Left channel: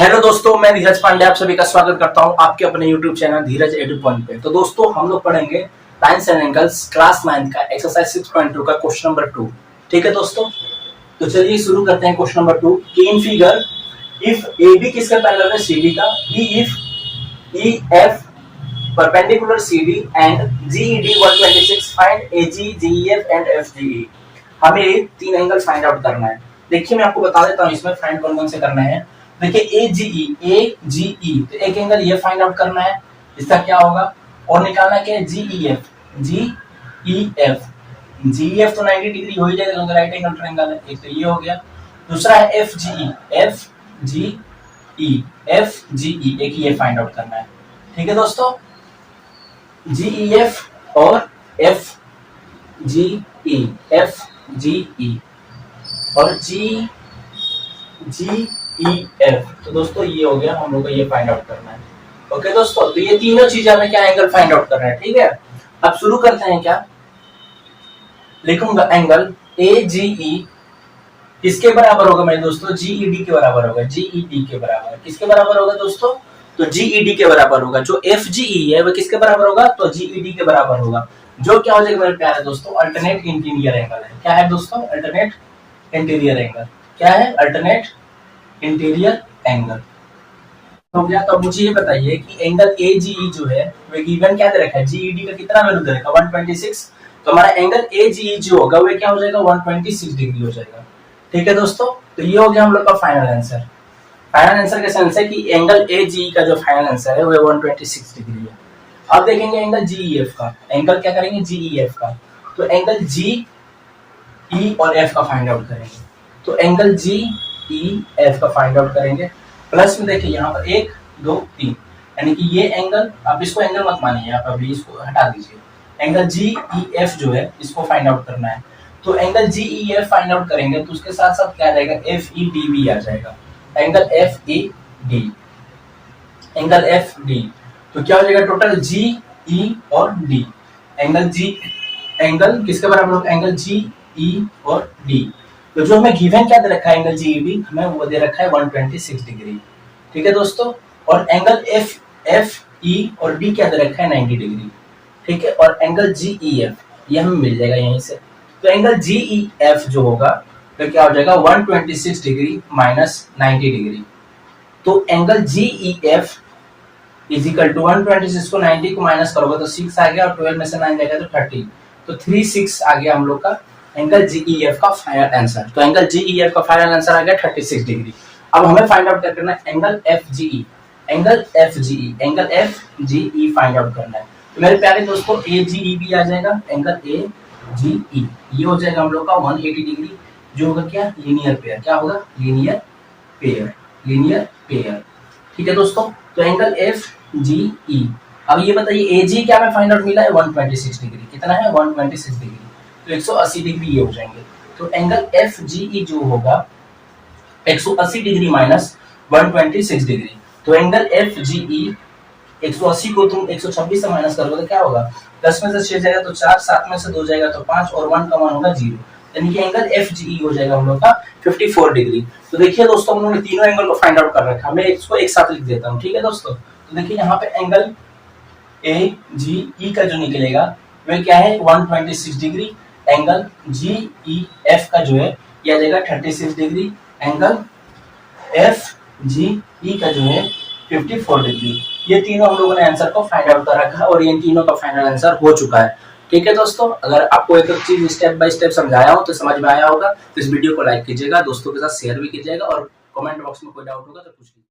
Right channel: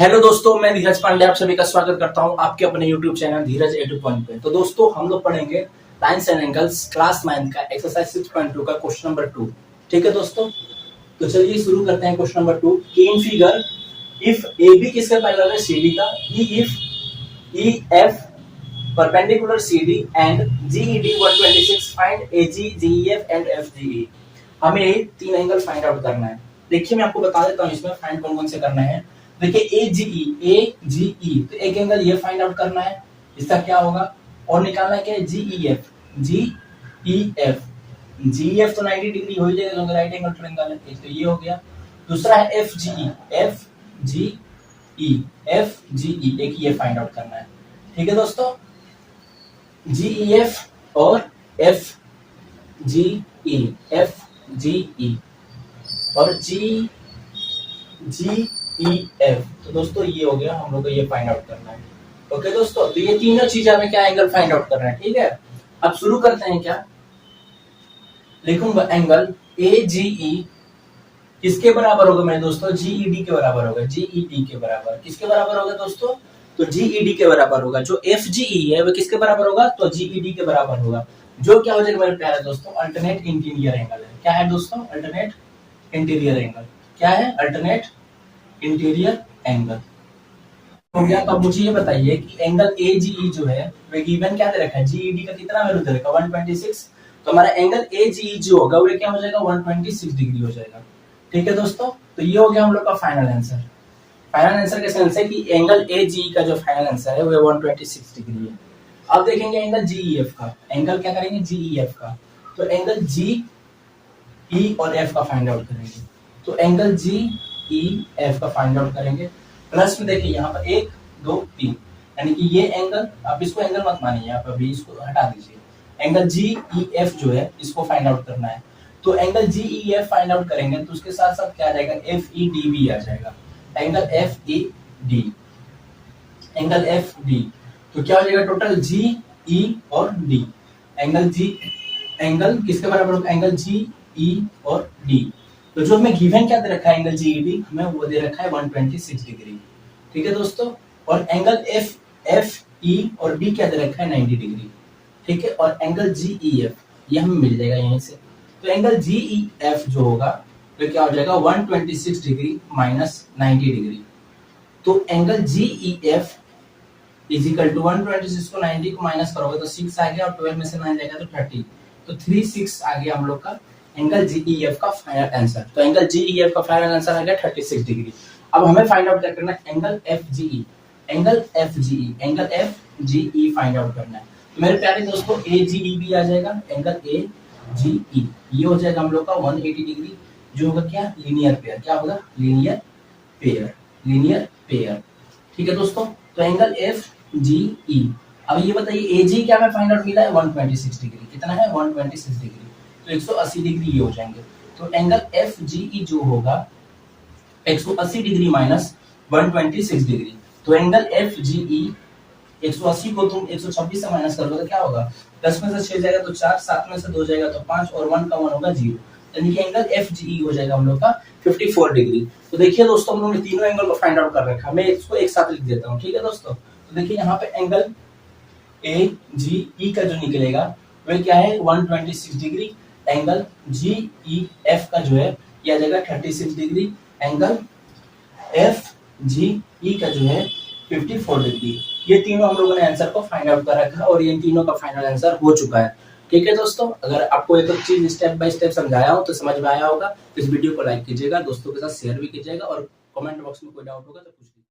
Hello दोस्तों, मैं धीरज पांडे आप सभी का स्वागत करता हूं आपके अपने यूट्यूब चैनल धीरज एडु पॉइंट पे। तो दोस्तों हम लोग पढ़ेंगे लाइन्स एंड एंगल्स क्लास 9 का एक्सरसाइज 6.2 का क्वेश्चन नंबर 2। ठीक है दोस्तों, तो चलिए शुरू करते हैं question number 2। In figure if A B किसका पैरेलल है CD का, B if E F perpendicular CD and GED 126 find AG GEF and FGE। हमें तीन एंगल फाइंड आउट करना है। देखिए मैं आपको बता देता हूं इसमें फाइंड कौन कौन से करने हैं। देखिए AGE तो एक एंगल ये फाइंड आउट करना है, इसका क्या होगा, और निकालना क्या है GEF तो 90 डिग्री हो ही जाएगा क्योंकि राइट एंगल ट्रायंगल है। एक तो ये हो गया, दूसरा है FGE एक ये फाइंड आउट करना है। ठीक है दोस्तों, GEF और FGE और GEF। तो दोस्तों ये हो गया, हम लोग को ये फाइंड आउट करना है। ओके दोस्तों, तो ये तीनों चीजें हमें क्या एंगल फाइंड आउट करना है। ठीक है, अब शुरू करते हैं। क्या लिखूंगा, एंगल AGE किसके बराबर होगा मेरे दोस्तों, GED के बराबर होगा। GED के बराबर किसके बराबर होगा दोस्तों, तो GED के बराबर होगा। जो FGE है वो किसके बराबर होगा, तो GED के बराबर होगा। जो क्या हो जाएगा मेरे प्यारे दोस्तों, अल्टरनेट इंटीरियर एंगल है। क्या है दोस्तों, अल्टरनेट इंटीरियर एंगल। क्या है, अल्टरनेट इंटीरियर एंगल हो गया। तो मुझे ये बताइए कि एंगल AGE जो है वो गिवन क्या दे रखा है, GED का कितना वैल्यू दे रखा है 126। तो हमारा एंगल AGE जो होगा वो क्या हो जाएगा, 126 डिग्री हो जाएगा। ठीक है दोस्तों, तो ये हो गया हम लोग का फाइनल आंसर। फाइनल आंसर का सेंस है कि एंगल AGE का जो फाइनल आंसर है वो 126 डिग्री है। अब देखेंगे एंगल GEF का। एंगल क्या करेंगे, GEF का। तो एंगल GE और F का फाइंड आउट करेंगे। तो एंगल GEF का फाइंड आउट करेंगे। प्लस में देखिए यहाँ पर 1 2 3, यानी कि ये एंगल, आप इसको एंगल मत मानिए, आप अभी इसको हटा दीजिए। एंगल GEF जो है इसको फाइंड आउट करना है। तो एंगल GEF फाइंड आउट करेंगे तो उसके साथ साथ क्या आ जाएगा, FED भी आ जाएगा। एंगल एंगल FD तो क्या हो जाएगा, टोटल GE और D। एंगल किसके बराबर होगा, एंगल GE और D। तो जो हमें गिवन क्या दे रखा है, एंगल GED हमें वो दे रखा है 126 डिग्री। ठीक है दोस्तों, और एंगल FE और D क्या दे रखा है, 90 डिग्री। ठीक है, और एंगल GEF ये हमें मिल जाएगा यहीं से। तो एंगल GEF जो होगा तो क्या हो जाएगा, 126 डिग्री माइनस 90 डिग्री। तो angle GEF is equal to 126 को 90 को माइनस करोगे तो 6 आ गया, और 12 में से 9 जाएगा तो 30। तो 36 आ गया हम लोग का एंगल GEF का फाइनल आंसर। तो एंगल GEF का फाइनल आंसर आ गया 36 डिग्री। अब हमें फाइंड आउट क्या करना है, एंगल FGE फाइंड आउट करना है। तो मेरे प्यारे दोस्तों AGE भी आ जाएगा, एंगल AGE ये हो जाएगा हम लोग का 180 डिग्री, जो होगा क्या, लीनियर पेयर। क्या होगा, लीनियर पेयर। ठीक है दोस्तों, तो एंगल FGE। अब ये बताइए AG क्या हमें फाइंड आउट मिला है, 126 डिग्री। कितना है, 126 डिग्री। तो 180 डिग्री ये हो जाएंगे। तो एंगल FGE जो होगा 180 डिग्री माइनस 126 डिग्री। तो एंगल FGE 180 को तुम 126 से माइनस करोगे तो क्या होगा, 10 में से 6 जाएगा तो 4, 7 में से 2 जाएगा तो 5, और 1 का 1 होगा 0। यानी कि एंगल FGE हो जाएगा हम लोग का 54 डिग्री। तो देखिए दोस्तों हम लोगों ने तीनों एंगल को फाइंड आउट कर रखा है। मैं इसको एक साथ लिख देता हूँ। ठीक है दोस्तों, तो देखिए यहाँ पे एंगल AGE का जो निकलेगा वह क्या है, 126 डिग्री। एंगल GEF का जो है यह आ जाएगा 36 डिग्री। एंगल FGE का जो है 54 डिग्री। ये तीनों हम लोगों ने आंसर को फाइंड आउट कर रखा है और ये तीनों का फाइनल आंसर हो चुका है। ठीक है दोस्तों, अगर आपको एक चीज स्टेप बाय स्टेप समझाया हो तो समझ में आया होगा तो इस वीडियो को लाइक कीजिएगा, दोस्तों के साथ शेयर भी कीजिएगा, और कमेंट बॉक्स में कोई डाउट होगा तो पूछ लीजिए।